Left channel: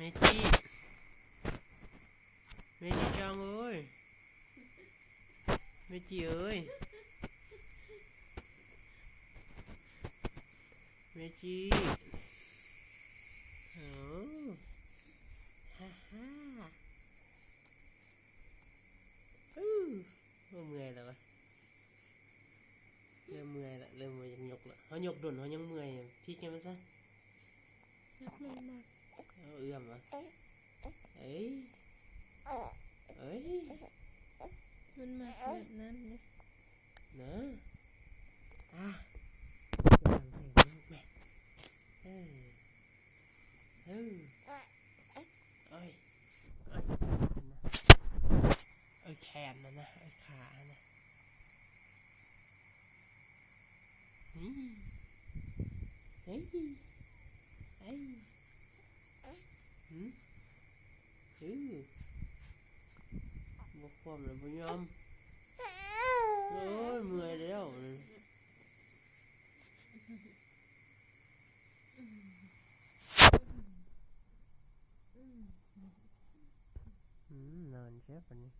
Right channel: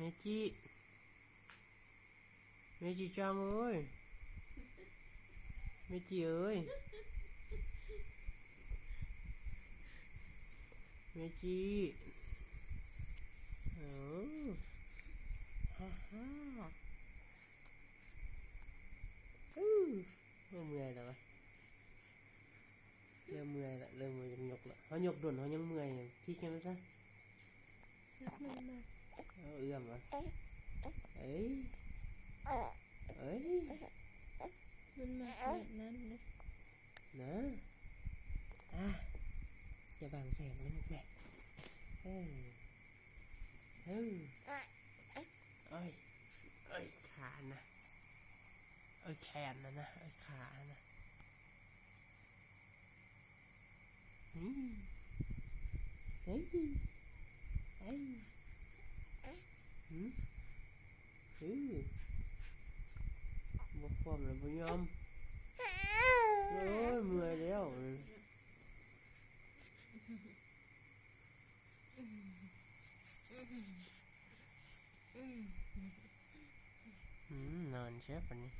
เมจิเมจิจังเอ้ยเมจิเอ้ยเมจิโอ้ฮ่าฮ่าเมื่อยแล้ววะเริ่มเมื่อยละเริ่มเมื่อยยังยกละเขายกด่วนเขายังเมื่อยพี่แกมันซะนักมันมากเอาเอื้อมวะเอ้ยเอ้ยมันมากแบบนั้นนะนะอ่ะอย่าทำเสียงนะลูกแม่เอ้ยเอ้ยเอ้ยเอ้ยขานะเอ้ยแขนนะเอ้ยขานะนี่เฮ้ยเฮ้ยหืมบอกความเลยบ่ยอมโอ้ยเมื่อยแล้วนอนเชฟวันนี้